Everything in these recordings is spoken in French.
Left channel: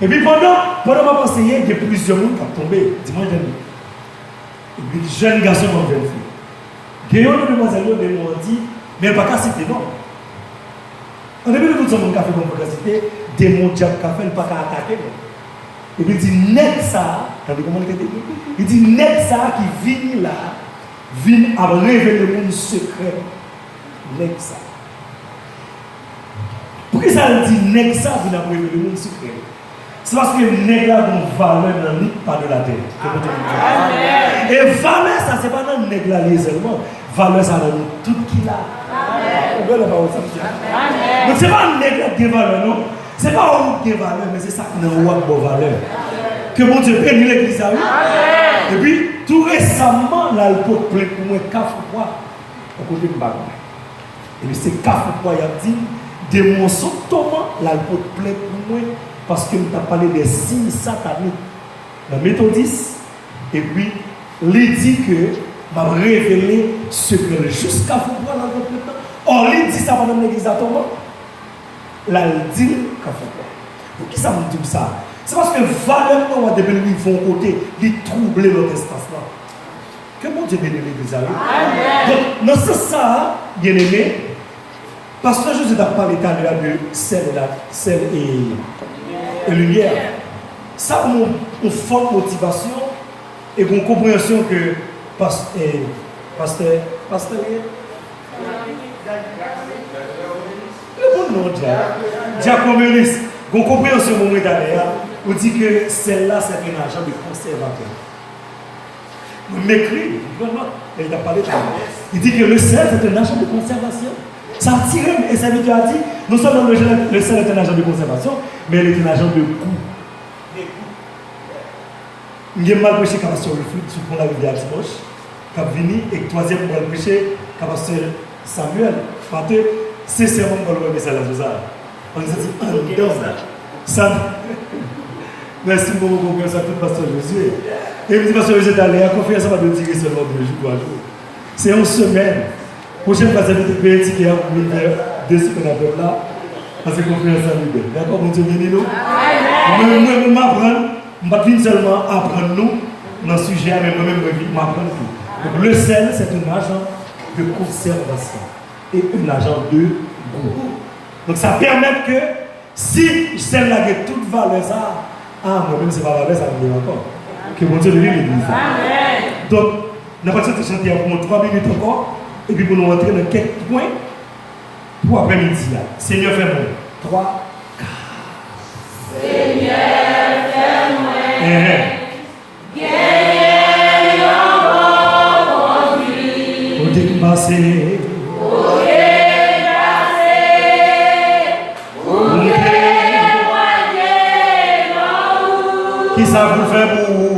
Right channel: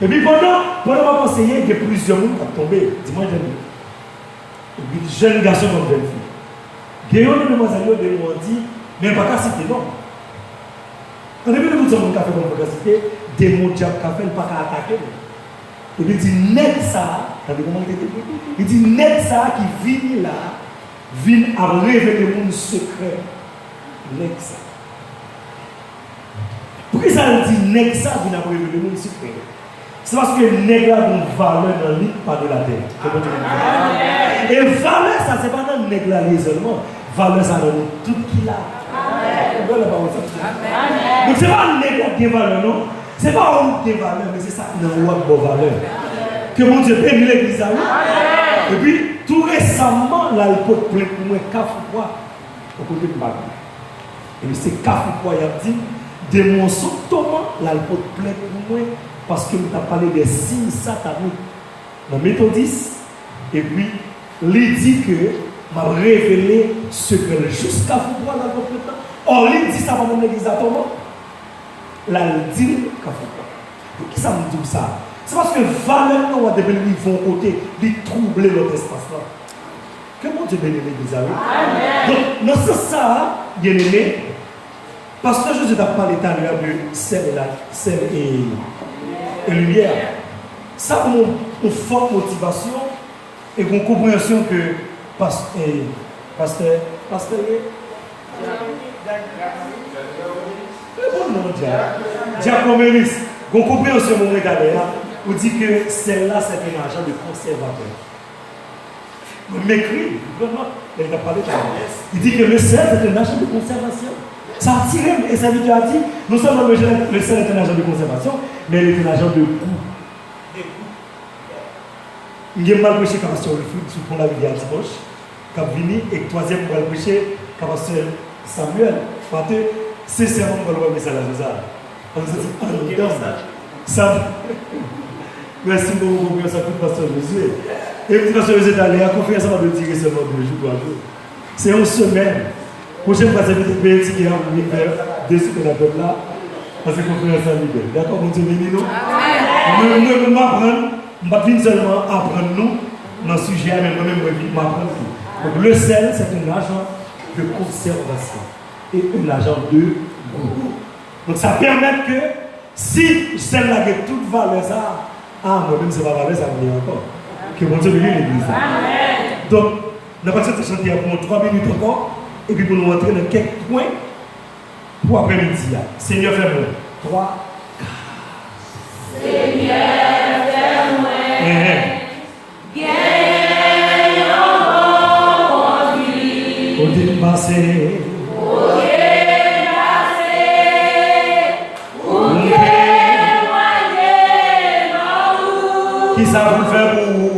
Et puis pendant ma pensée, il y a plusieurs gens qui sont tombés. Dis-moi, et puis jeune garçon comme jeune fille. Guéon de demoiselle de m'ont dit, mais pas qu'à citer non. On a vu que nous sommes café comme vous citer, des mots de café, pas qu'à attaquer. Et puis il dit, net ça, il dit, net ça qui vient là, vient à révéler le monde secret. Net ça. Pourquoi ça dit net ça vient à révéler le monde secret? C'est parce que le nègre a une valeur dans le pas de la terre. Et valeur, ça, c'est pas dans le nègre seulement. Valeur, ça dans tout qu'il a. Donc, c'est pas un nègre qui a des valeurs, non? C'est pas un des valeurs, mais c'est ça qui a une bonne valeur. Que mon Dieu bénisse l'église à lui. Et puis, tout récemment, là, il peut plein pour moi, café quoi? Au côté de ma vie. Et puis, c'est café quoi, il a dit, des mensonges, là, il peut plein pour moi. Parce que nous avons parlé des signes sataniques dans Méthodiste, et puis, il dit que m'a révélé secret jusqu'à vous voir dans le temps. Or, il dit ça pendant l'église à Thomas. Là, il dit qu'à vous voir. Pour qui ça me dit ça? C'est parce que valeur nous de lui vont côté, lui troubler notre espace là. Que mon Dieu bénisse l'église à lui. Donc, dans ce sens, bien aimé, parce que Jésus a parlé tout à l'heure de sel et lumière. Ça a une forte motivation et une compréhension que pasteur, le bon nom Diacomélis, une compréhension momentanée, on dit que celle-là c'est un agent de conservateur. On m'écrit, il a parlé de ça. Il dit que le sel est un agent de conservation. Ça attire, et ça lui a dit, non seulement le sel est un agent de conservation, mais il est un agent de goût. Il y a mal prêché comme sur le foot, sur la rivière dimanche, qui a venu, et troisième, il a prêché comme sur Samuel. Parce que c'est seulement pour le message à Joseph. On se dit, ça. Merci beaucoup pour ça, tout pasteur Josué. Et puis, pasteur Josué est allé, la confiance va de tirer seulement 2 jours, 3 jours. C'est une semaine. Prochaine fois, c'est de payer ticket à vous de ce que nous avons là, parce que conférence est libérée. D'accord, mon Dieu, bénis-nous. Nous m'apprendre, pas seulement apprendre nous dans le sujet, mais nous-mêmes m'apprendre tout. Donc, le sel, c'est un agent de conservation et un agent de goût. Donc, ça permet que si celle-là a toute valeur, ça, moi-même, c'est pas valeur, ça me dit encore. Que mon Dieu bénisse l'église. Donc, nous allons passer chanter pour 3 minutes encore. Et puis pour nous rentrer dans quelques points pour après-midi. Seigneur, fais-moi. 3, 4. Seigneur, fais-moi. Gagne encore en vie. Au dépassé. Qui ça vous fait pour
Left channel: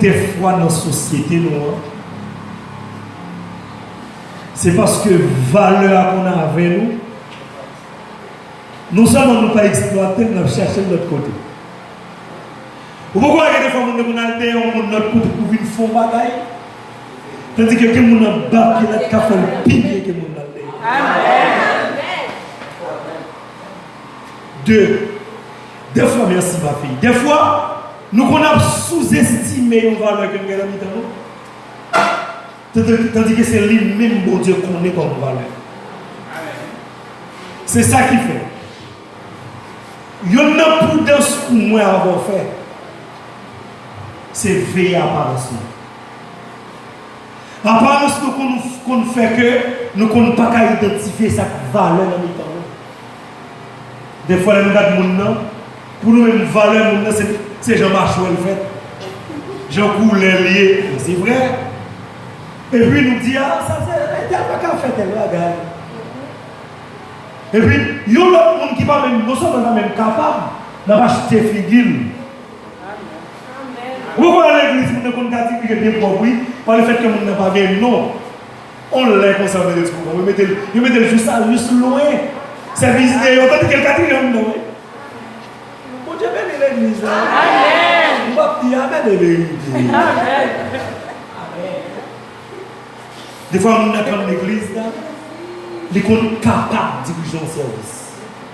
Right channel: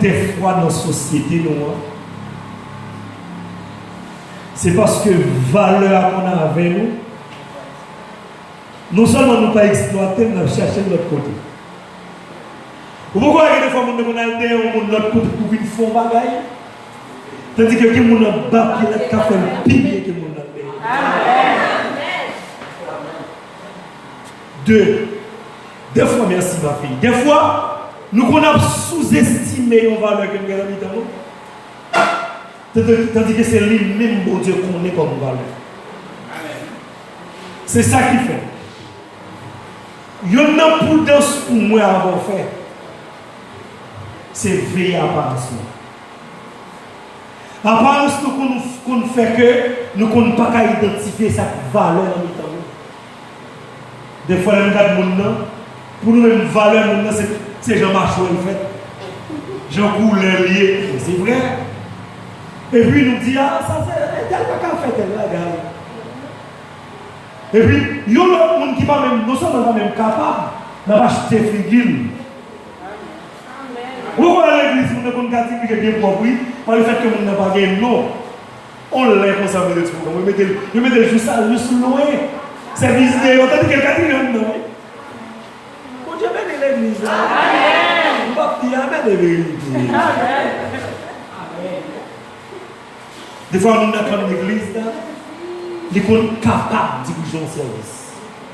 des fois dans la société, c'est parce que valeur qu'on a avec nous, non seulement nous pas exploiter, mais chercher de l'autre côté. Pourquoi des fois nous avons notre couple pour une fond bagaille, tandis que quelqu'un a battu le café le pilier que nous avons. Des fois, merci ma fille. Des fois, nous avons sous-estimé une valeur que nous avons mis dans nous. Tandis que c'est lui-même, bon Dieu, qu'on est comme valeur. C'est ça qui fait. Il y a une prudence pour moi à avoir fait. C'est veiller à apparence. Apparence qu'on fait que nous ne pouvons pas identifier cette valeur dans nous. Des fois, nous regardons le monde, pour nous, une valeur, c'est Jean Marchou le fait. Jean Couleur lié, c'est vrai. Et puis nous dit, ah, ça fait, il n'y a pas qu'à faire tel bagage. Et puis, il y a l'autre monde qui pas même, nous sommes pas même capables d'acheter figure. Vous allez à l'église, vous avez un bien compris, par le fait que vous n'avez pas vu, non. On l'a conservé de tout. Vous mettez juste loin. C'est visité, vous avez quelqu'un qui est non. Bon Dieu, bénis l'église. Amen. On va dire Amen de vérité. Amen. Des fois, on a comme l'église, ils sont capables de diriger un service.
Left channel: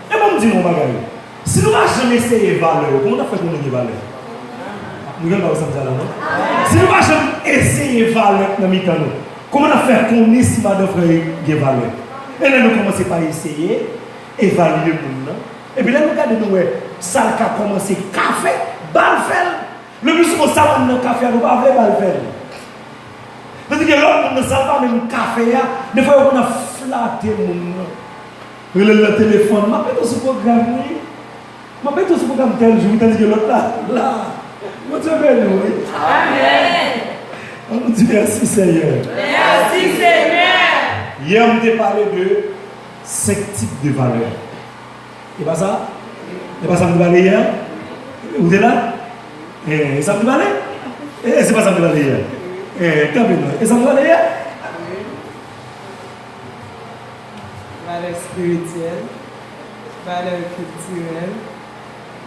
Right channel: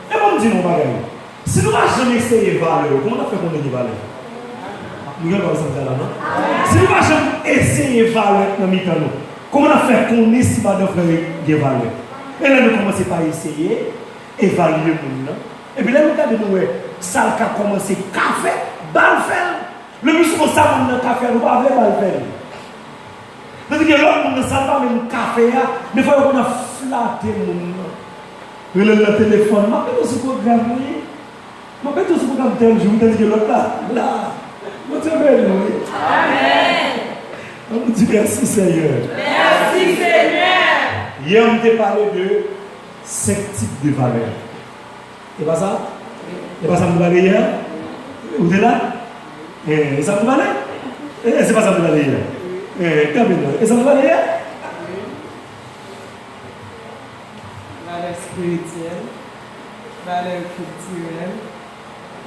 Et moi, je dis, mon bagage, si nous n'avons jamais essayé de valeur, comment on a fait pour nous des valeurs? Nous n'avons pas ça là, non? Si nous n'avons jamais essayé de valeur dans le temps, comment on a fait qu'on estime de des valeurs? Et là, nous commençons par essayer, évaluer le monde. Et puis là, nous avons dit, ça a commencé café, balle faire. Le but, c'est qu'on s'allume dans le café, nous ne pouvons pas balle faire. Parce que l'autre monde ne sait pas même café, des fois on a flatté le monde. Le téléphone, je m'appelle ce programme, je m'appelle ce programme tel jour, je me dis que l'autre là, je te remercie. Amen. On vous dit merci Seigneur. Merci Seigneur. Hier on t'a parlé de 5 types de valeurs. C'est pas ça? C'est pas ça que vous parlez hier? Vous êtes là? Et ça vous parlez? C'est pas ça que vous parlez hier? Et ça vous va d'ailleurs? Valeur spirituelle, valeur culturelle,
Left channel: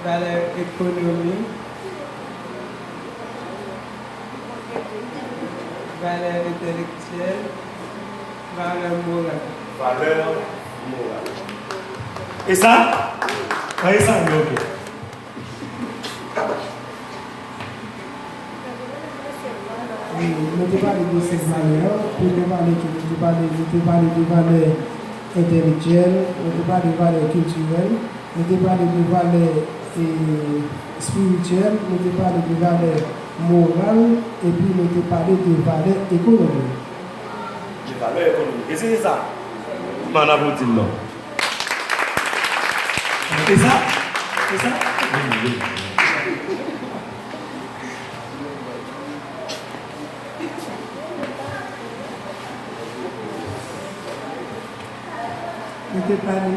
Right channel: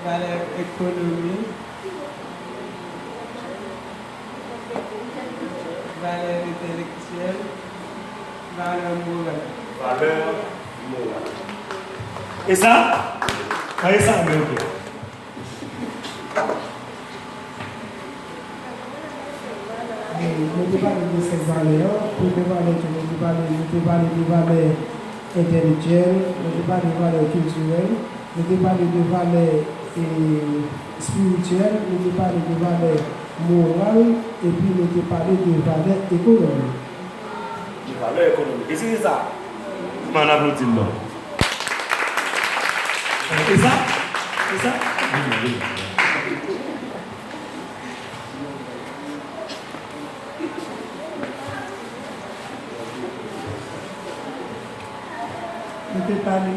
valeur économique, valeur intellectuelle, valeur morale. Valeur morale. Et ça? Et ça, ok. Nous ne parlons de ces valeurs, nous parlons de valeurs intellectuelles, nous parlons de valeurs culturelles, nous parlons de valeurs spirituelles, nous parlons de valeurs morales, et puis nous parlons de valeurs économiques. De valeurs économiques. Et c'est ça? Comment on a voté là? C'est ça? C'est ça? Oui. Nous parlons de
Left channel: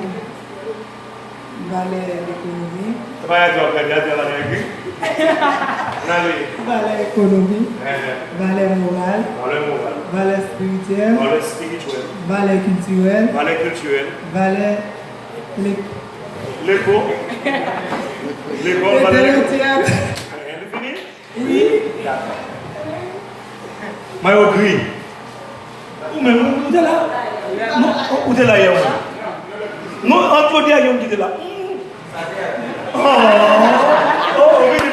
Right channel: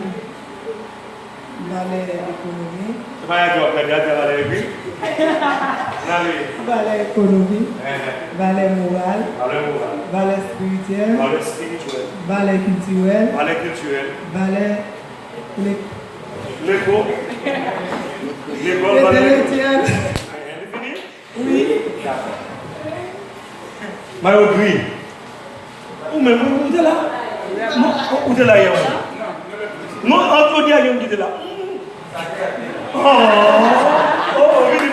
valeurs économiques. Valeurs économiques, valeurs morales, valeurs spirituelles, valeurs culturelles, valeurs intellectuelles. Oui. Mario Gris. Ou même, où est là? Où est là, hier? Non, entre dire, il est là. Oh, vite.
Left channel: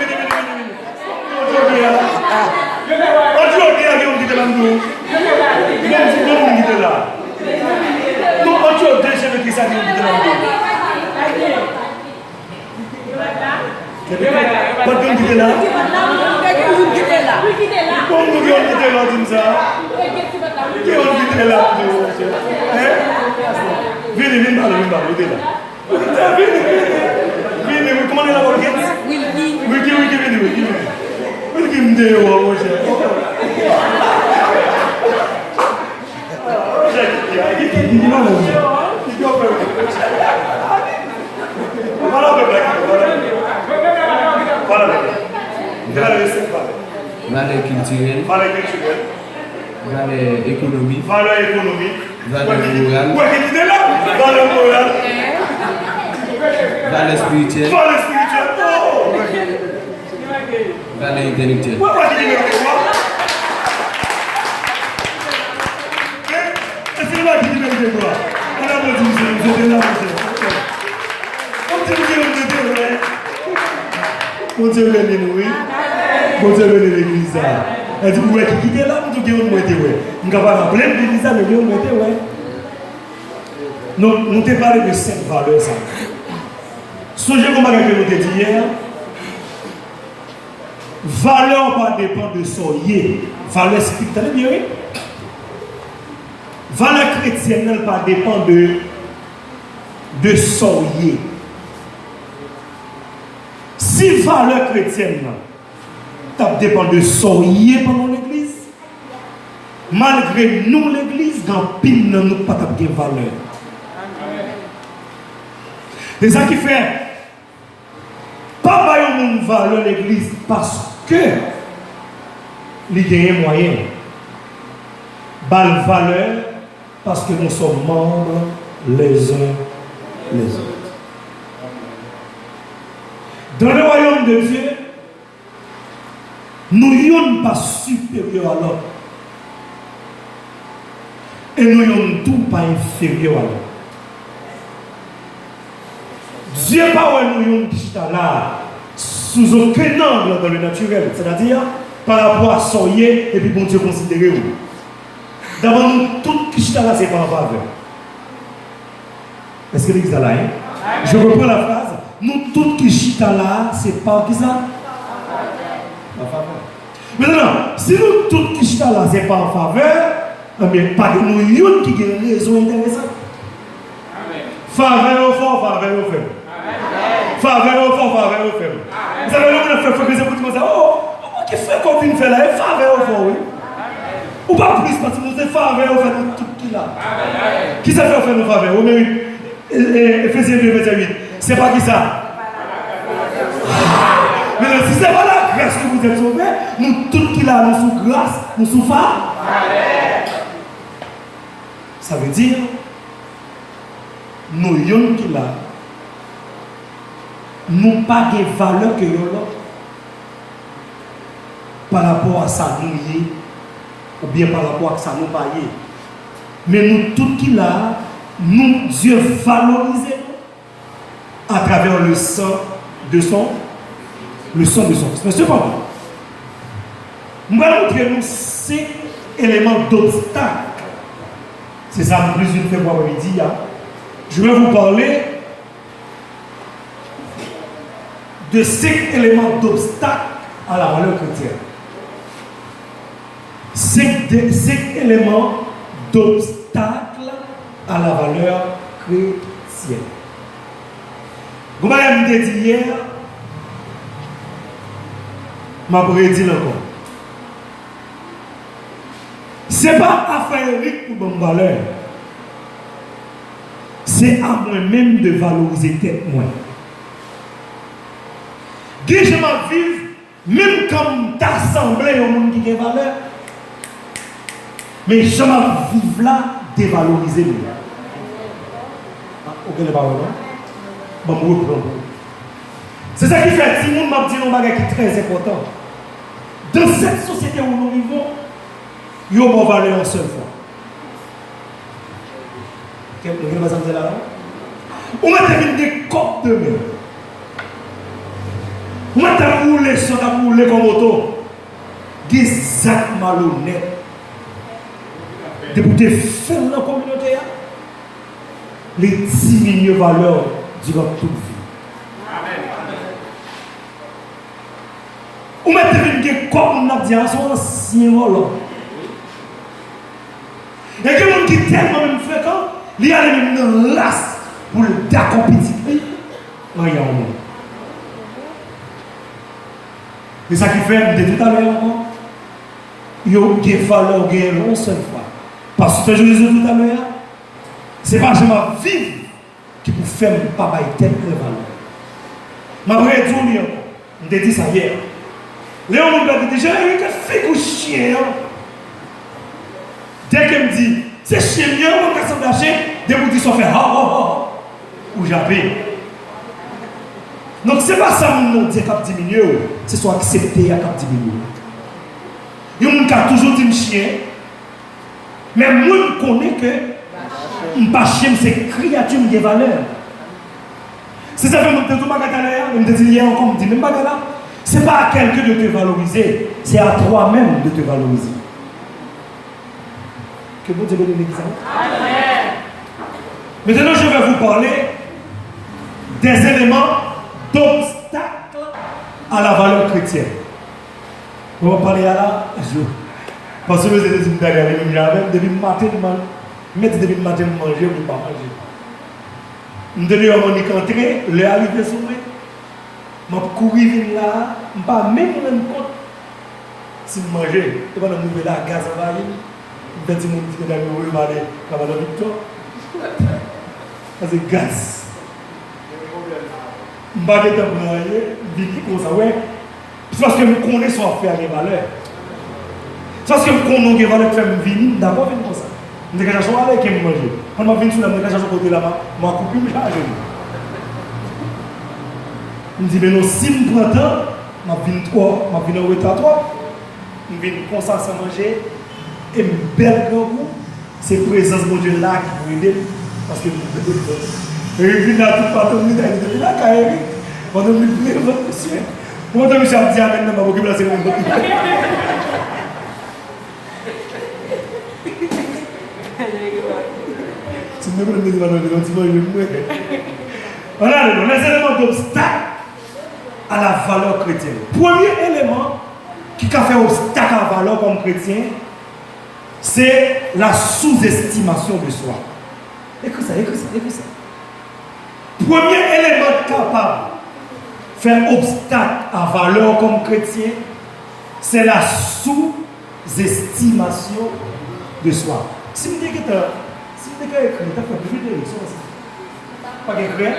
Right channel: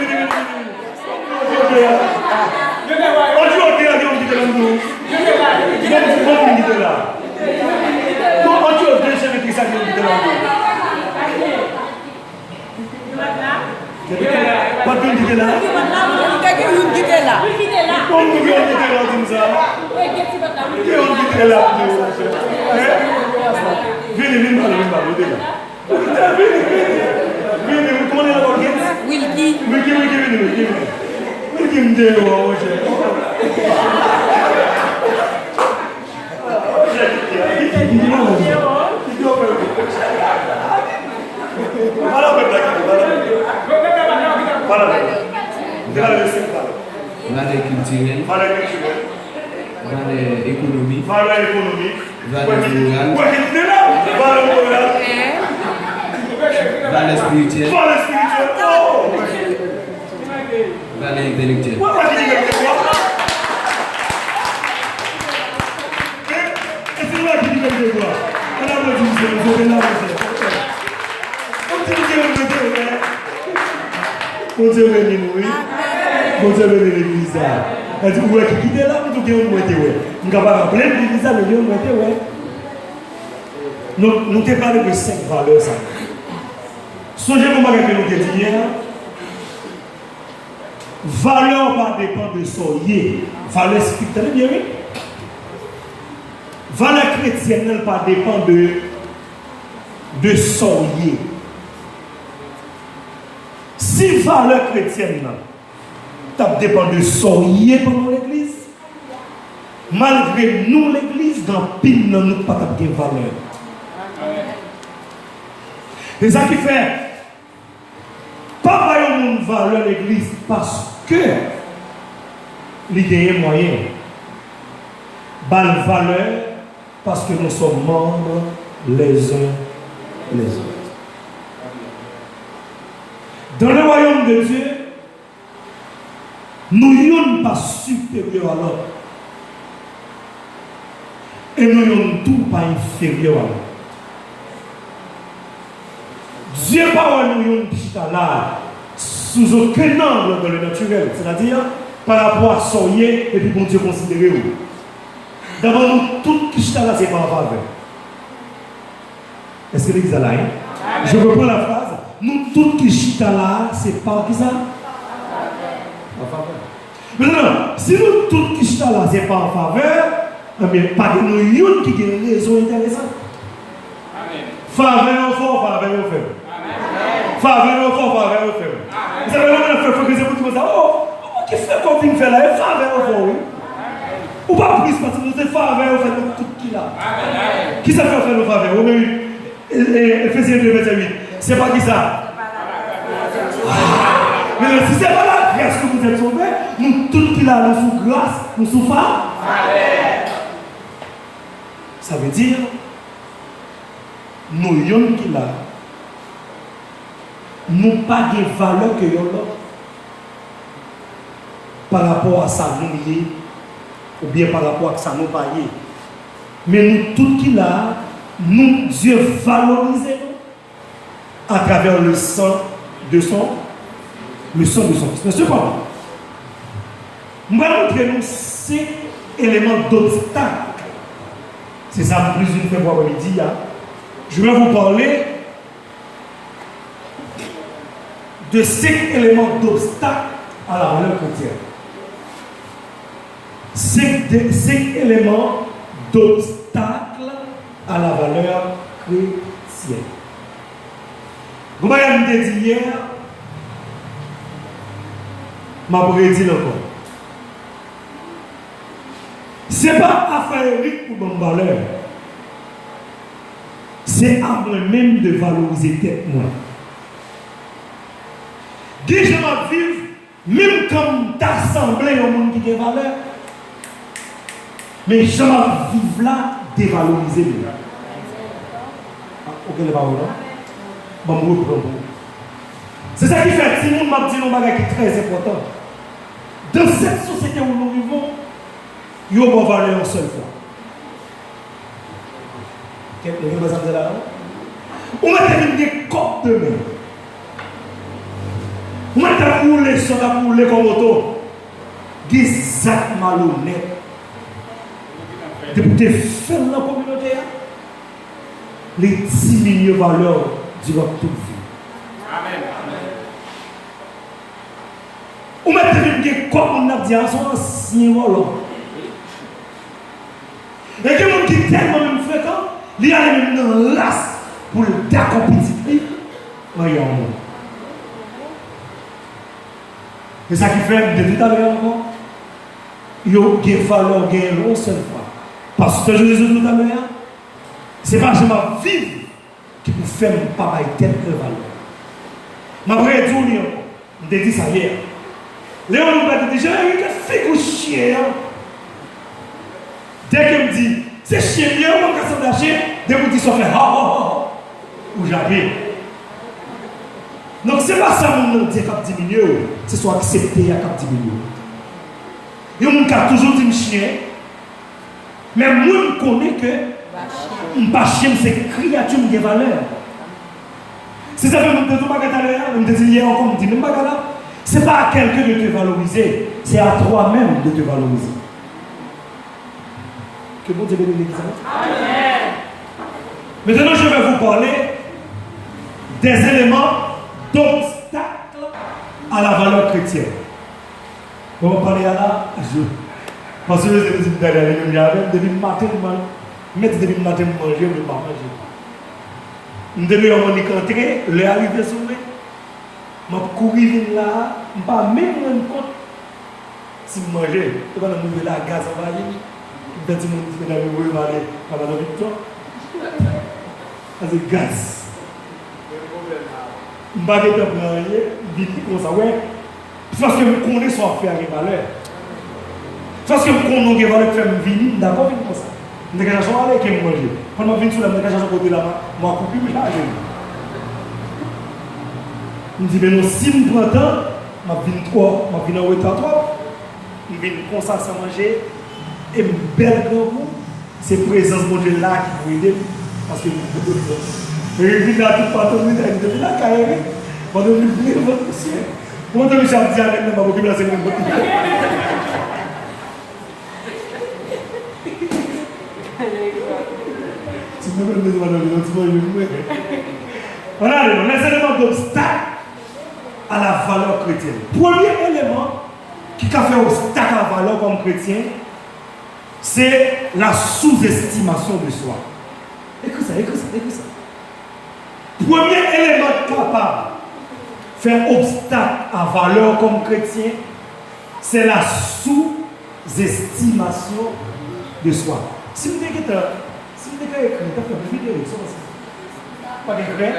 Valeur culturelle, valeur économique, valeur morale, valeur spirituelle, valeur intellectuelle. Bon Dieu béni nous, oui. Bon Dieu béni l'église. Elle dit, ouais, qui quitte là, on dit, on mette, ouais. Nous avons rappelé l'église, nous avons mette, ouais. Nous t'ai parlé de 5 valeurs, ça. Songez comment nous t'ai dit hier. Valeur pas dépend de soyer. Valeur spirituelle, bien oui. Valeur chrétienne ne pas dépend de soyer. Si valeur chrétienne dépend de soyer pendant l'église, malgré nous l'église, dans pile nous pas de valeur. C'est ça qui fait. Pas bailler une valeur l'église parce que il y a un moyen. Bal valeur parce que nous sommes membres les uns les autres. Dans le royaume de Dieu, nous ne sommes pas supérieurs à l'autre. Et nous ne sommes tout pas inférieurs à l'autre. Dieu n'est pas nous qui sont là sous aucun angle dans le naturel. C'est-à-dire par rapport à soyer et puis bon Dieu considérer. D'abord, nous tous qui sont là, c'est pas en faveur. Est-ce que l'église est là? Je reprends la phrase. Nous tous qui sont là, c'est pas qui ça? En faveur. Maintenant, si nous tous qui sont là, c'est pas en faveur, mais pas de nous qui ont une raison intéressante. Faveur au fort, faveur au faible. Faveur au fort, faveur au faible. Vous savez, on a fait que c'est pour ça. Oh, qui fait comme une fait là? Faveur au fort, oui. Ou pas plus, parce que vous êtes faveur au faible, tout qui là. Qui ça fait faire nos faveurs? Oui, Ephésiens 2, verset 8. C'est pas qui ça? Mais si c'est pas la grâce que vous êtes sauvés, nous tous qui là, nous sous grâce, nous sous faveur. Ça veut dire, nous yon qui là, nous pas de valeur que yon là, par rapport à ça nous y ou bien par rapport à ça nous pas y. Mais nous tous qui là, nous Dieu valorise à travers le sang de son fils. Mais cependant, nous allons montrer nous 5 éléments d'obstacle. C'est ça plus une fois pour midi. Je vais vous parler de 5 éléments d'obstacle à la valeur chrétienne. 5 éléments d'obstacle à la valeur chrétienne. Vous m'avez dit hier, m'a prédit encore. Ce n'est pas affaire riche pour mon valeur. C'est à moi-même de valoriser tête moi. Qui je m'en vive, même comme t'assembler au monde qui a valeur, mais je m'en vive là, dévaloriser lui. Ok, les paroles. Bon, c'est ça qui fait, si nous m'a dit un bagage qui est très important. Dans cette société où nous vivons, il y a une valeur en seule fois. Vous avez là? On va terminer des copes de main. On va rouler sur la rouler comme auto. Des actes malhonnêtes. Depuis faire dans la communauté, les diminuer valeur durant toute vie. On va terminer des copes, on a dit à son ancien volant. Et que les gens qui tellement même fréquent, il y a même une race pour le compétitif. Voyons. C'est ça qui fait de tout à l'heure encore. Il y a des valeurs gagnées une seule fois. Parce que je disais tout à l'heure, c'est pas que je m'en vive qui peut faire un papa et telle valeur. Ma vraie dire encore, je te dis ça hier. Léon m'a dit, j'ai eu que fait que chien. Dès qu'elle me dit, c'est chien bien, on va se lâcher, dès que vous dites, ça fait ou j'avais. Donc, ce n'est pas ça que nous disons qu'il diminue, c'est soit accepté qu'il diminue. Il y a des gens qui toujours dit chien, mais moi, je connais que un pas chien, c'est créature de valeur. C'est ça que nous disons pas nous disons hier encore, nous disons pas ce n'est pas à quelqu'un de te valoriser, c'est à toi-même de te valoriser. Que Dieu bénisse. Amen. Maintenant, je vais vous parler des éléments d'obstacle à la valeur chrétienne. On va parler à la parce que vous êtes dit depuis le matin, depuis le matin, vous mangez, vous ne pas manger. Nous devons entrer, le arriver sur moi. Je courir là, je ne vais pas même rendre compte si je mange. Je vais me la gaz en bas. Je vais me dire que je vais aller à la victoire. C'est gaz. Je ne vais pas dire comme ça. Ouais. Parce que je connais son affaire avec valeur. Parce que je connais les valeurs de faire une vie, d'abord, comme ça. Je vais aller avec qui manger. Quand je viens sur la maison, je vais côté là-bas, je vais couper, je vais aller. Je me dis, mais non, si je prends temps, je viens trop, je viens en retard trop. Je viens comme ça sans manger. Et une belle grand goût, c'est la présence de Dieu là qui vous aide. Parce que je viens là tout partout, je viens là, carré. Je viens là, votre monsieur. Je viens là, je viens là, je viens là, c'est mon bout. Si vous me dites, on a les éléments d'obstacle à la valeur chrétienne. Premier élément qui a fait obstacle à la valeur comme chrétien, c'est la sous-estimation de soi. Écoute ça. Premier élément capable de faire obstacle à la valeur comme chrétien, c'est la sous-estimation de soi. Si vous dites que tu as écrit, tu as fait plus vite, pas d'écrit,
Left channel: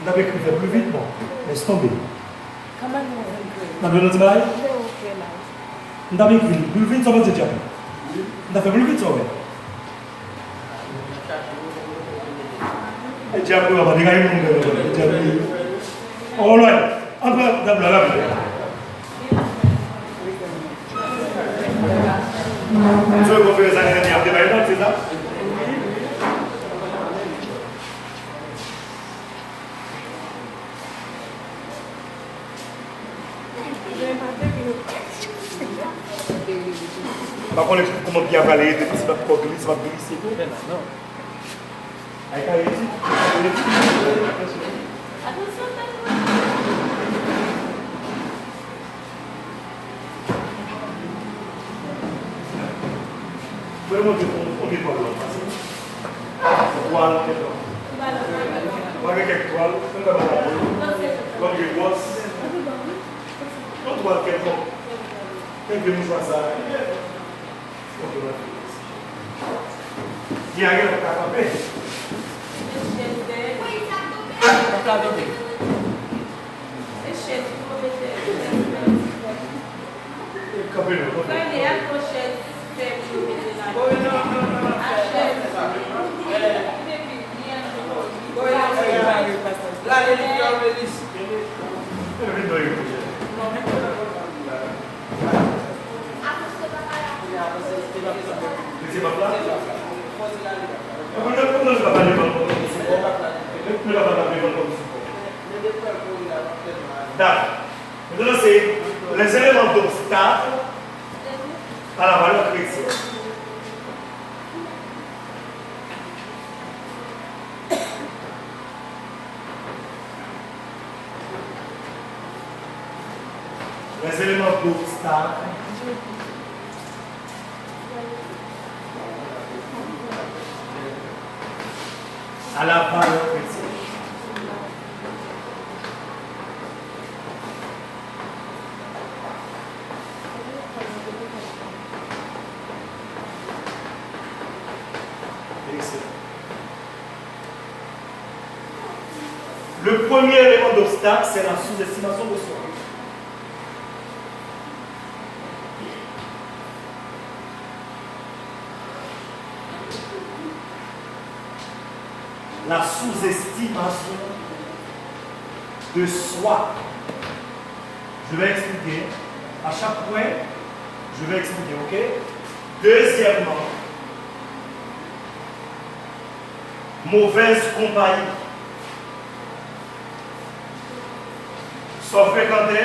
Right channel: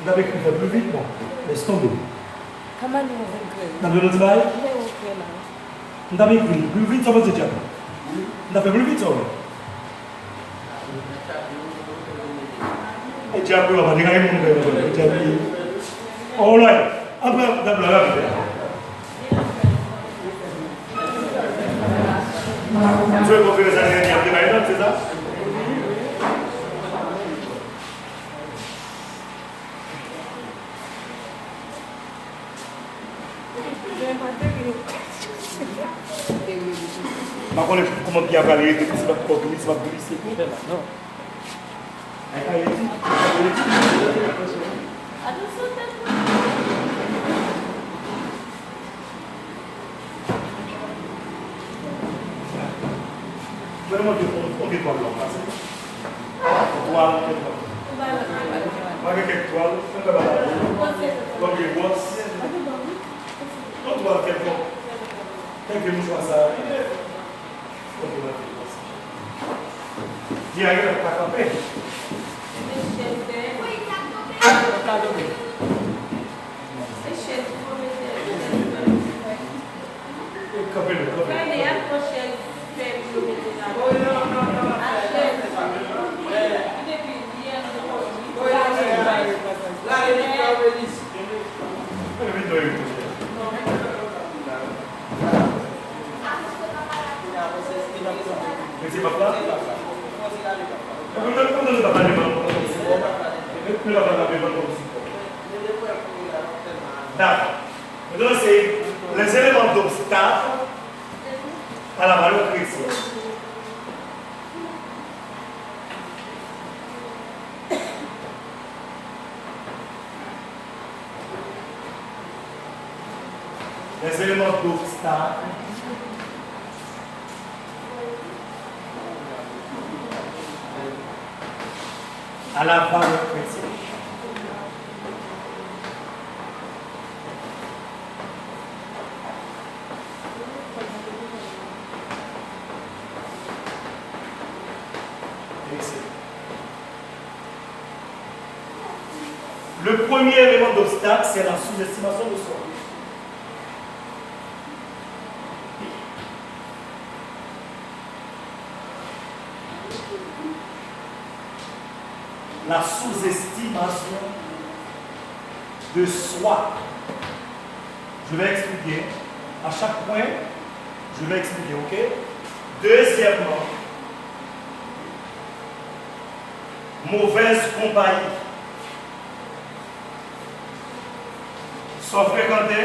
vous avez écrit plus vite, bon, laisse tomber. Comment vous Vous avez notre bail? Vous avez écrit plus vite, ça va te dire. Vous avez fait plus vite, ça va. Et tu as pris, on va dire, tu as pris. Oh là, après, d'abord, la vie. Vous avez fait les années dernières, c'est ça? Par contre, comment bien parler, c'est pas trop glisse, c'est pas glisse, c'est tout. Non. Donne-moi combien de toiles là? Toile, quelques toiles. Comme des bosses. On doit faire quoi? Dès que nous faisons ça, il y a rien à faire. Maintenant, c'est les éléments d'obstacle à la valeur chrétienne. Les éléments d'obstacle à la valeur chrétienne. Le premier élément d'obstacle, c'est la sous-estimation de soi. La sous-estimation de soi. Je vais expliquer. À chaque point, je vais expliquer, ok? Deuxièmement, mauvaise compagnie. Soit fréquenté.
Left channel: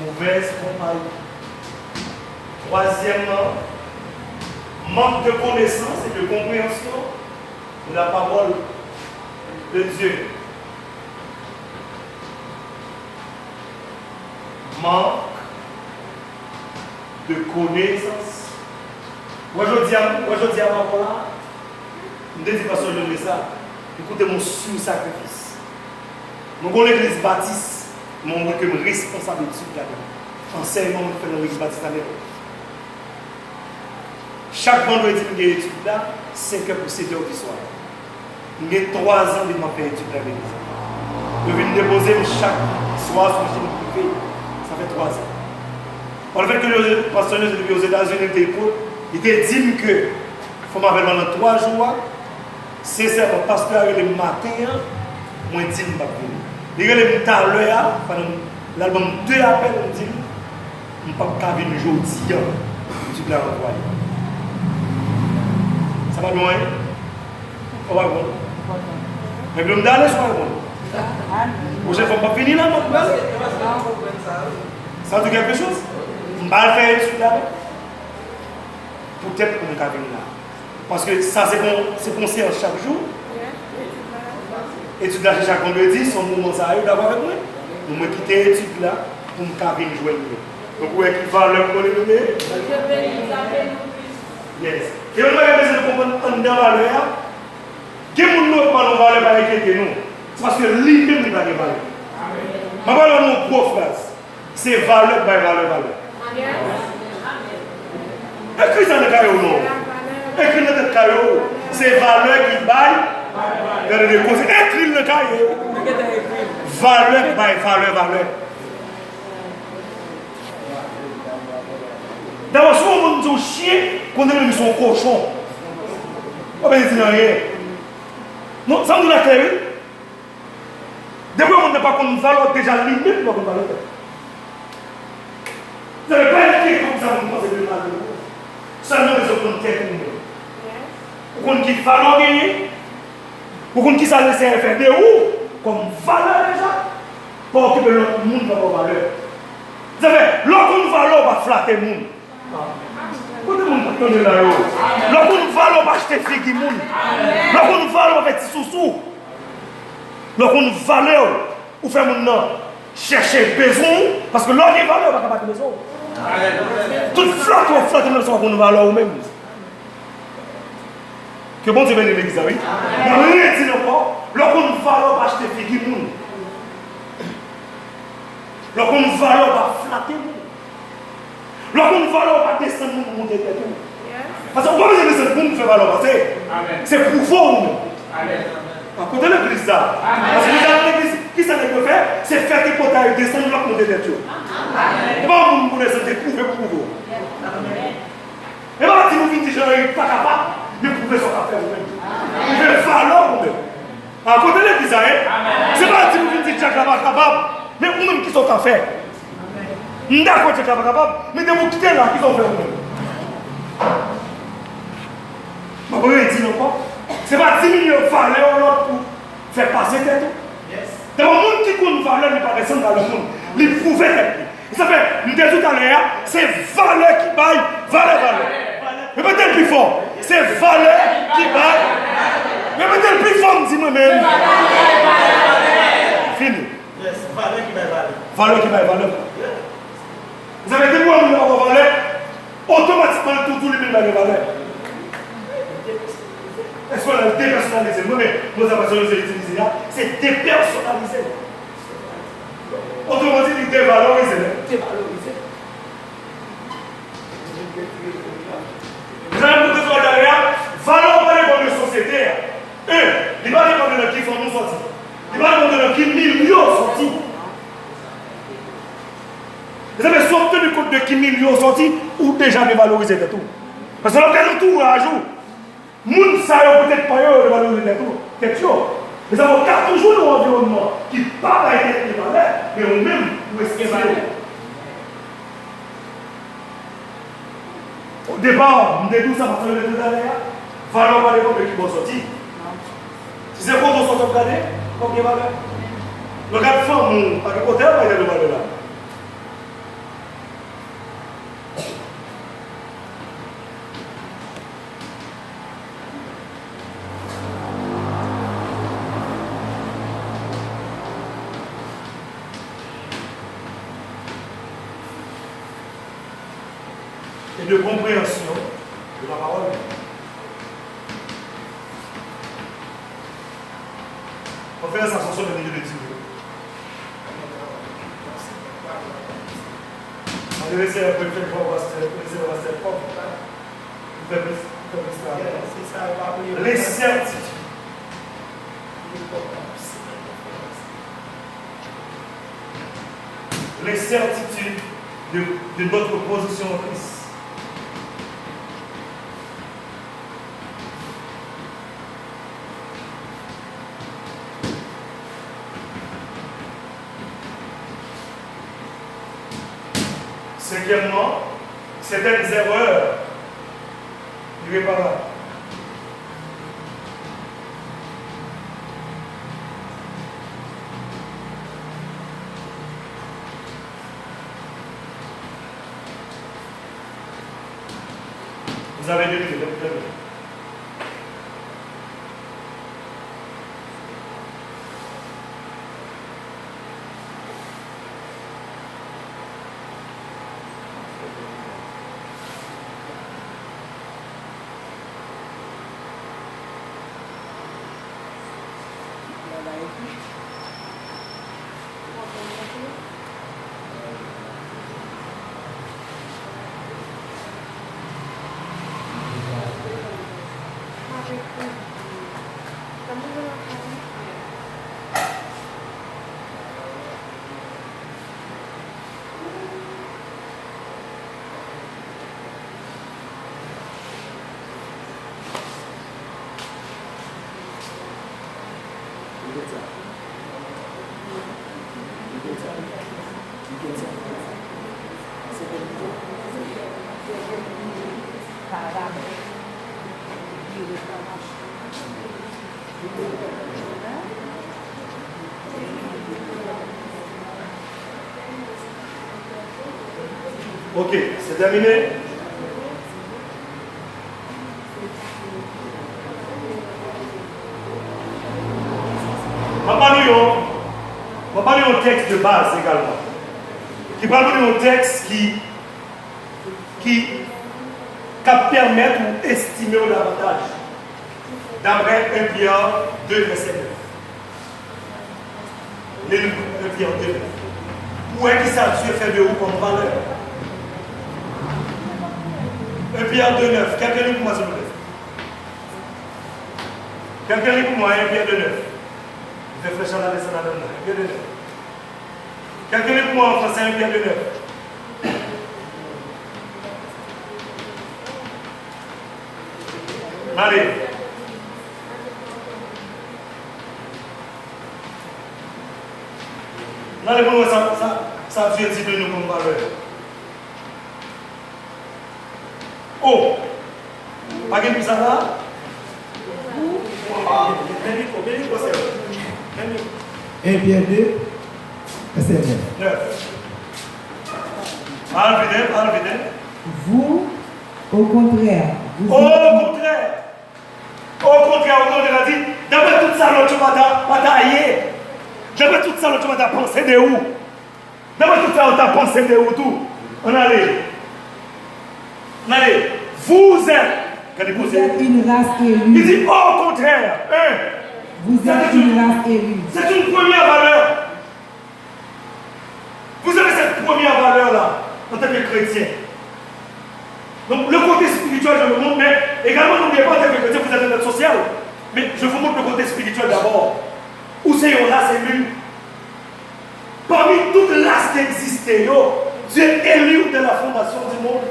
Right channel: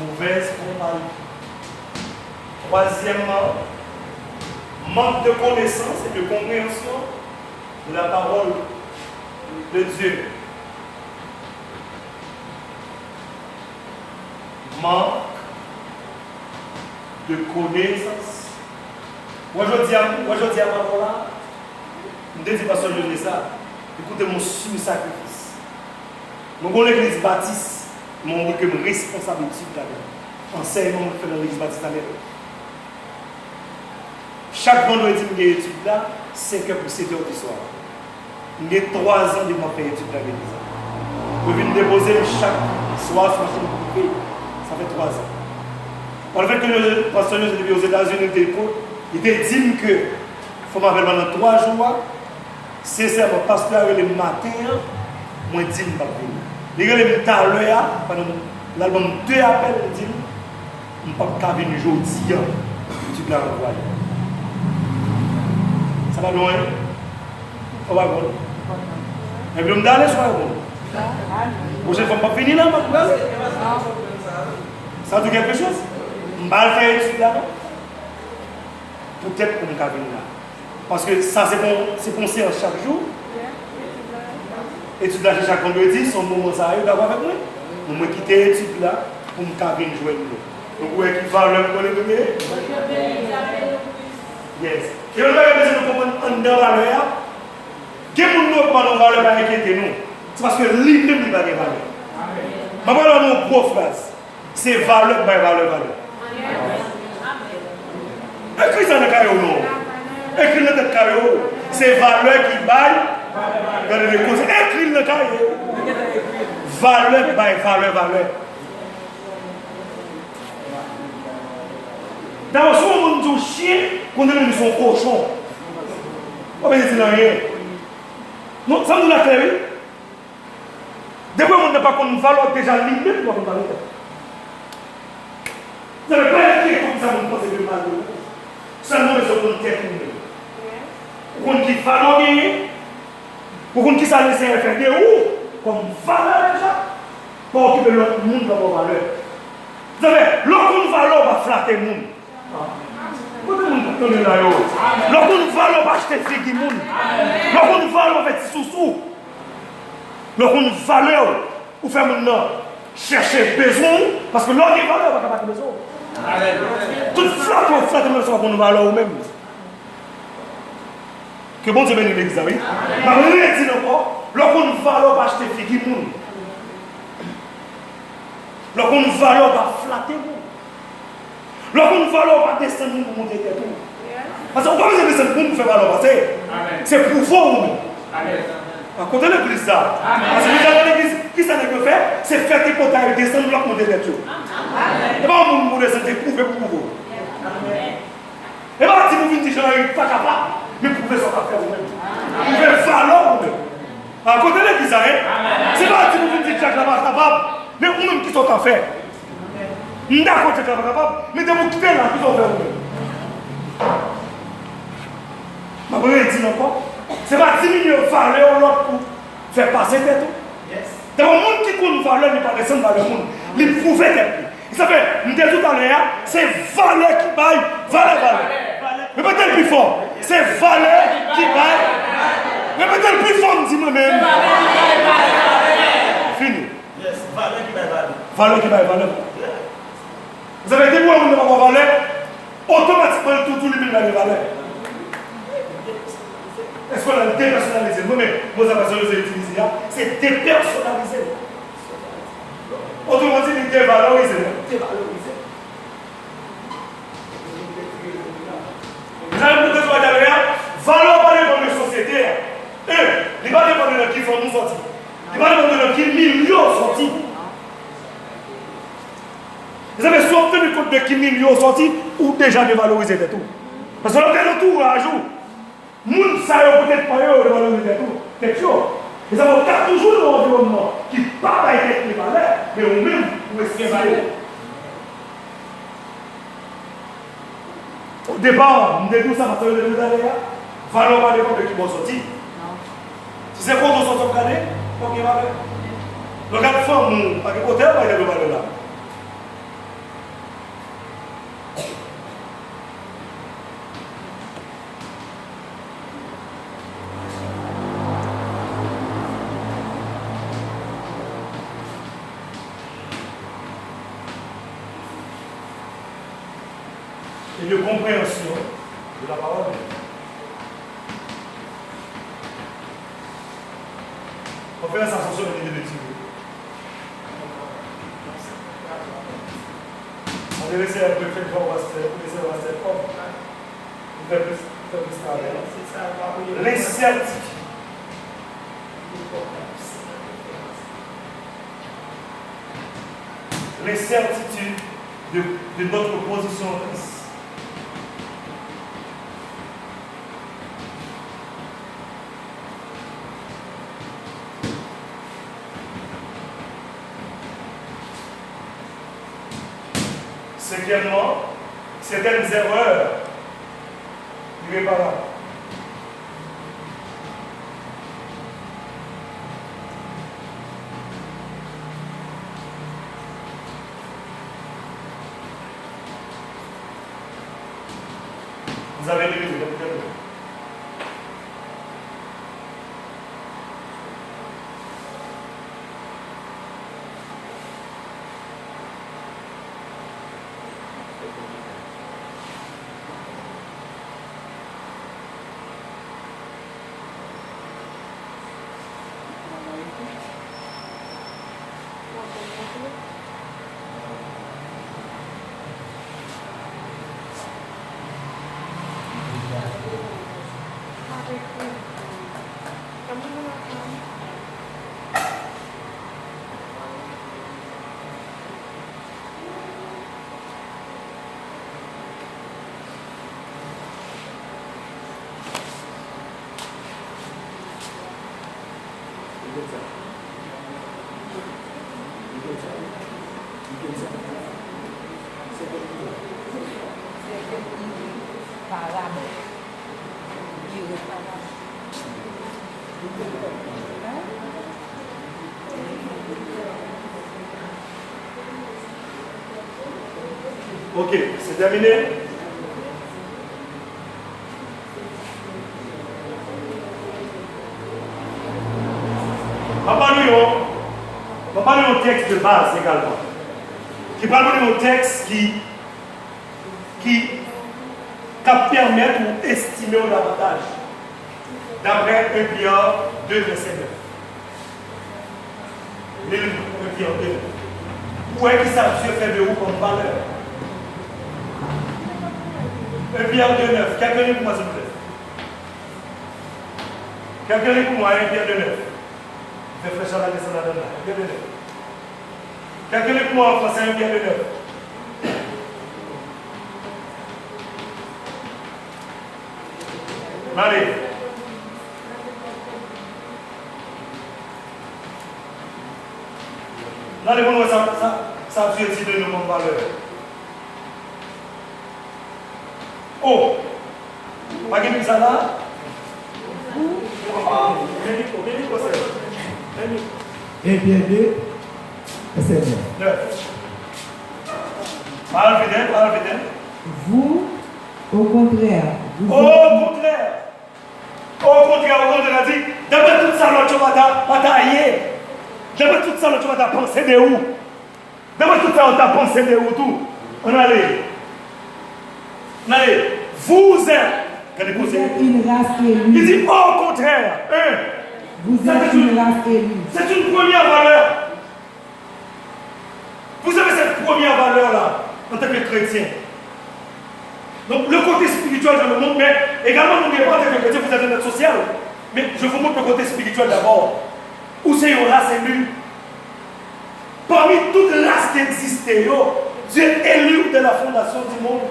Mauvaise compagnie. Troisièmement, manque de connaissance et de compréhension de la parole de Dieu. Manque de connaissance. Aujourd'hui, à ma là, je ne dis pas que je dis ça. Écoutez mon sous-sacrifice. Je connais l'église baptiste, je suis responsable de tout là-dedans. Enseignement, je fais dans l'église baptiste à l'époque. Chaque vendredi, je fais étude là, 5 heures pour 7 heures du soir. J'ai 3 ans de faire étude là avec l'église. Je viens déposer chaque soir sur machine privée. Ça fait 3 ans. Par le fait que le pasteur aux États-Unis il était dit que il faut m'appeler pendant 3 jours. Sincèrement, le pasteur le matin, moi je dis que je vais venir. Il est tout à l'heure, pendant l'album 2 appels, il dit je ne peux pas venir aujourd'hui. Tu peux l'envoyer. Ça va loin? On va voir. Mais je vais aller sur le bon. Prochaine fois, je ne vais pas finir là, je vais aller. Ça dit quelque chose? Je vais faire étude là. Peut-être qu'on va venir là. Parce que ça, c'est pour séance chaque jour. Étude là, chaque vendredi, son moment ça arrive d'avoir avec moi. Je vais quitter l'étude là pour me venir jouer. Donc, où est-ce qu'il va leur connaître? Yes. Et on a besoin de comprendre en deux valeurs. Qui nous ne pas nos valeurs par inquiéter nous? C'est parce que lui-même il va avoir valeur. Je vais parler de nos phrase. C'est valeur par valeur. Écris dans le carré ou non? Écris dans le carré ou c'est valeur qui baille dans les causes. Écris dans le carré. Valeur par valeur. D'abord, si on dit chien, qu'on dit son cochon. On va dire rien. Non, ça nous l'a clair. Depuis on n'a pas qu'on valeur déjà limite, on va parler. Vous n'avez pas été comme ça, vous pensez que mal. Seulement les autres techniques. Vous qui valeur gagner, vous qui ça laisse faire de où, comme valeur déjà, pour occuper l'autre monde dans vos valeurs. Vous savez, l'autre valeur va flatter le monde. Pourquoi le monde va tomber là-haut? L'autre valeur va acheter figue du monde. L'autre valeur va faire sous-sous. L'autre valeur, ou faire mon nom, chercher besoin, parce que l'autre valeur va pas besoin. Toute flatte ou flatte, même si on a valeur ou même. Que bon Dieu bénisse l'église, oui. Mais rien dit encore, l'autre valeur va acheter figue du monde. L'autre valeur va flatter le monde. L'autre valeur va descendre pour monter tête. Parce que quand vous avez descendu pour nous faire valeur, c'est pour vous. À côté de l'église, ça. Parce que vous avez l'église, qui ça veut faire? C'est faire tes potages descendre pour monter tête. Et pas vous pour descendre, c'est prouver pour vous. Et pas si vous venez dire que je ne suis pas capable, mais prouver ce qu'on fait vous-même. Vous pouvez valeur vous-même. À côté de l'église, c'est pas si vous venez dire que je ne suis pas capable, mais vous-même qui sont en fait. D'accord, tu es capable, mais de vous quitter là, qui sont fait vous. Ma première dit encore, c'est pas diminuer valeur l'autre pour faire passer tête. Dans le monde qui compte valeur, n'est pas descendre dans le monde. Il prouve tête. Ça fait, nous disons tout à l'heure, c'est valeur qui baille, valeur. Répétez le plus fort. C'est valeur qui baille. Répétez le plus fort, dis moi-même. Fini. Valeur qui baille, valeur. Vous avez des mots où nous avons valeur, automatiquement tout le monde va valeur. Est-ce qu'on a dépersonnalisé? Moi, mais moi, ça va se utiliser là, c'est dépersonnalisé. Autrement dit, il dévalorise. Vous allez me dire derrière, valeur va dépendre de la société. Il va dépendre de qui font nous sortir. Il va dépendre de qui millions sortis. Vous avez sorti du compte de qui millions sortis ou déjà dévalorisé de tout. Parce que l'on tout à jour. Moun ça peut-être pas dévalorisé de tout. Quelque chose. Mais ça va toujours dans l'environnement qui n'a pas été de valeur, mais on même où est-ce qu'il y a. Au départ, nous disons ça parce que nous disons derrière, valeur va dépendre de qui vont sortir. Si c'est quoi vont sortir de l'année, ok, valeur. Le cas de femme, à quel côté on va aller de valeur là? Et de compréhension de la parole. On fait la sensation de milieu de Dieu. On devait essayer de faire voir, on va se faire propre. Les certitudes. Les certitudes de notre position en Christ. Cinquièmement, certaines erreurs irréparables. Vous avez lu le problème. Ok, c'est terminé. On va parler un texte de base également. Qui va parler un texte qui permet ou estimer davantage. D'après 1 Pierre 2, verset 9. 1 Pierre 2. Où est-ce que ça Dieu fait de vous comme valeur? 1 Pierre 2, 9. Quelqu'un lit pour moi, s'il vous plaît. Quelqu'un lit pour moi, 1 Pierre 2, 9. Réfléchissez à la leçon à l'homme. 1 Pierre 2, 9. Quelqu'un lit pour moi en français, 1 Pierre 2, 9. Allez. Allez, bon, ça Dieu dit de nous comme valeur. Oh! Pas que ça là? Et bien 2, verset 9. Parle vite. Vous, au contraire, Au contraire, on a dit, d'après tout ça, tu vas batailler. D'après tout ça, tu vas penser de où? D'après tout ça, on t'a pensé de où tout? On allait. Vous êtes. vous êtes une race Il élue. dit au contraire. Vous êtes une race élue. C'est une première valeur. Vous avez cette première valeur-là en tant que chrétien. Donc le côté spirituel, je le montre, mais également n'oubliez pas en tant que chrétien, vous êtes un être social. Mais je vous montre le côté spirituel d'abord. Où c'est une race élue. Parmi toutes les races qui existaient, Dieu est élu de la fondation du monde.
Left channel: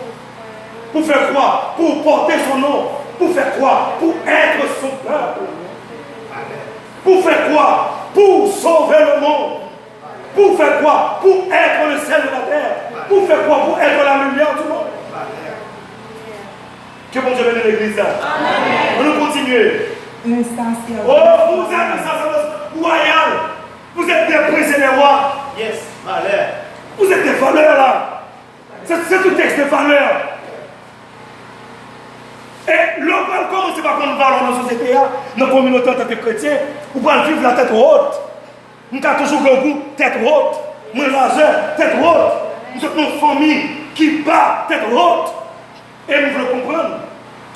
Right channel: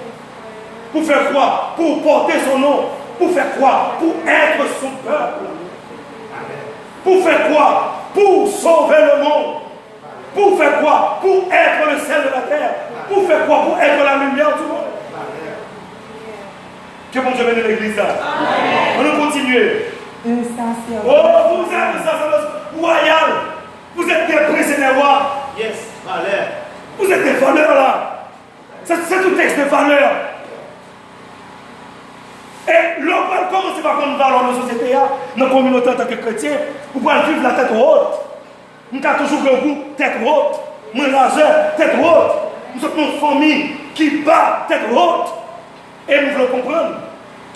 Pour faire quoi? Pour porter son nom. Pour faire quoi? Pour être son peuple. Pour faire quoi? Pour sauver le monde. Pour faire quoi? Pour être le sel de la terre. Pour faire quoi? Pour être la lumière du monde. Que bon Dieu bénisse l'église là. On va continuer. Un sacerdoce. Oh, vous êtes un sacerdoce royal. Vous êtes des princes et des rois. Yes, valeur. Vous êtes des valeurs là. C'est un texte de valeur. Et l'homme va commencer par prendre valeur dans la société, dans la communauté en tant que chrétien, vous pouvez vivre la tête haute. Nous avons toujours le goût, tête haute. Moi, largeur, tête haute. Nous sommes une famille qui bat, tête haute. Et nous voulons comprendre.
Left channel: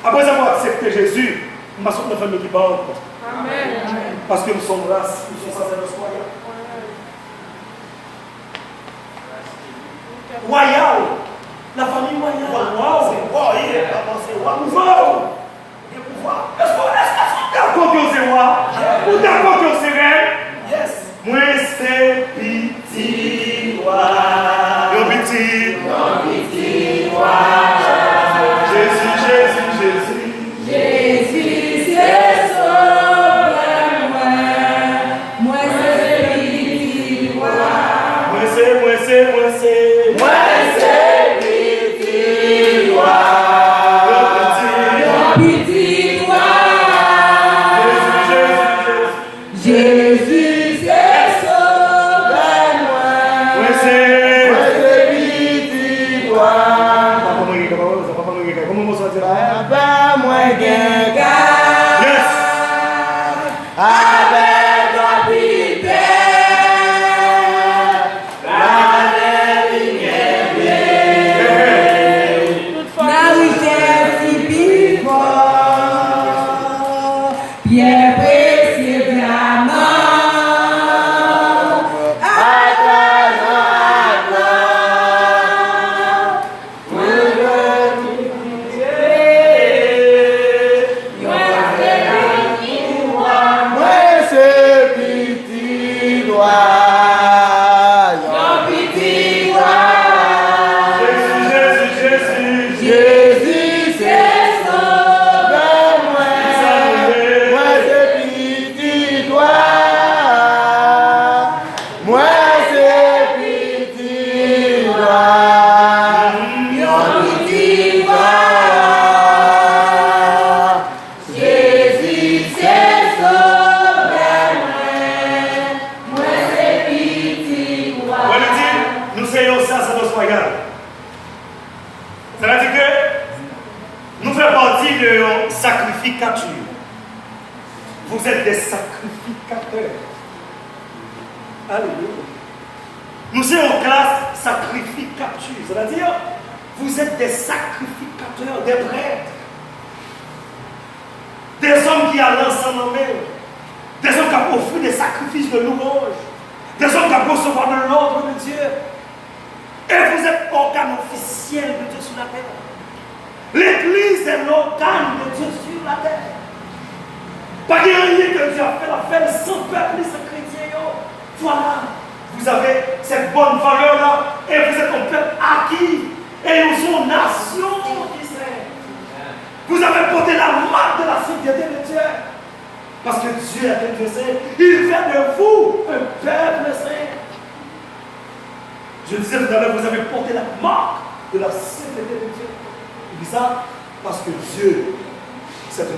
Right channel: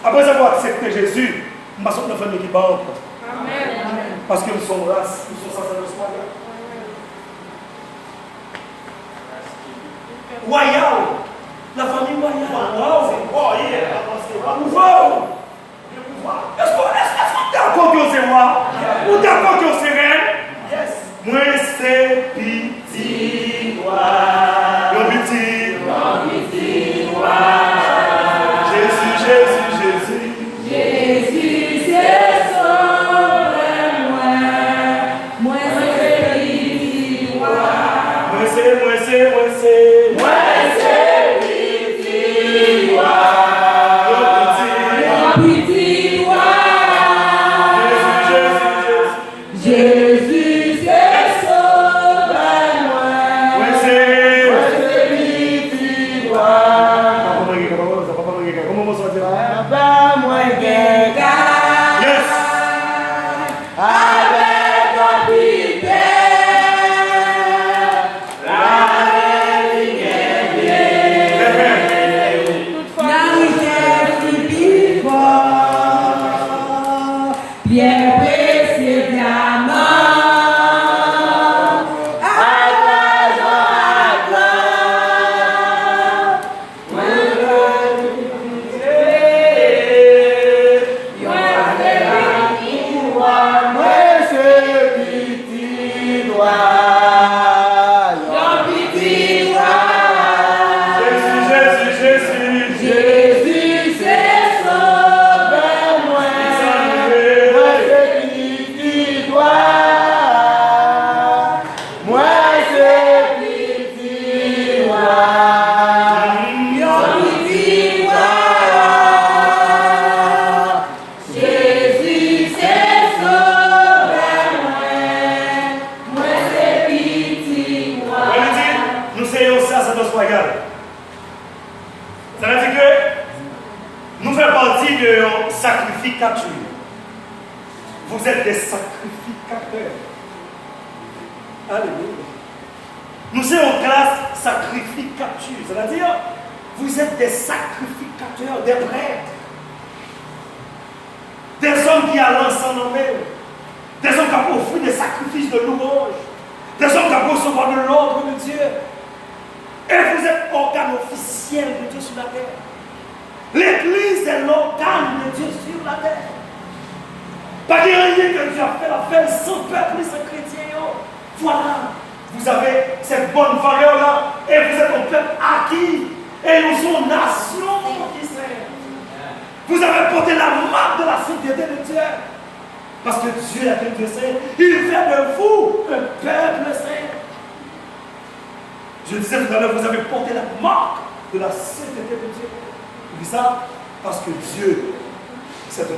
Après avoir accepté Jésus, nous sommes une famille qui bat haute. Amen. Parce que nous sommes race, nous sommes sacerdoce royal. La famille royale. C'est quoi? Il est pas pensé. Comment on s'en dit là? Yes! C'est-à-dire que nous faisons partie de sacrificature. Vous êtes des sacrificateurs. Alléluia. Nous sommes en classe sacrificature. C'est-à-dire, vous êtes des sacrificateurs, des prêtres. Des hommes qui allancent en eux. Des hommes qui ont offert des sacrifices de louange. Des hommes qui ont recevoir de l'ordre de Dieu. Et vous êtes organe officiel de Dieu sur la terre. L'Église est l'organe de Dieu sur la terre. Pas de rien que Dieu a fait la fête sans peuple et sans chrétien. Voilà, vous avez cette bonne valeur-là et vous êtes un peuple acquis. Et nous sommes nation d'Israël. Vous avez porté la marque de la sainteté de Dieu. Parce que Dieu est un Dieu saint. Il fait de vous un peuple saint. Je disais tout à l'heure, vous avez porté la marque de la sainteté de Dieu. Je dis ça parce que Dieu, c'est un Dieu.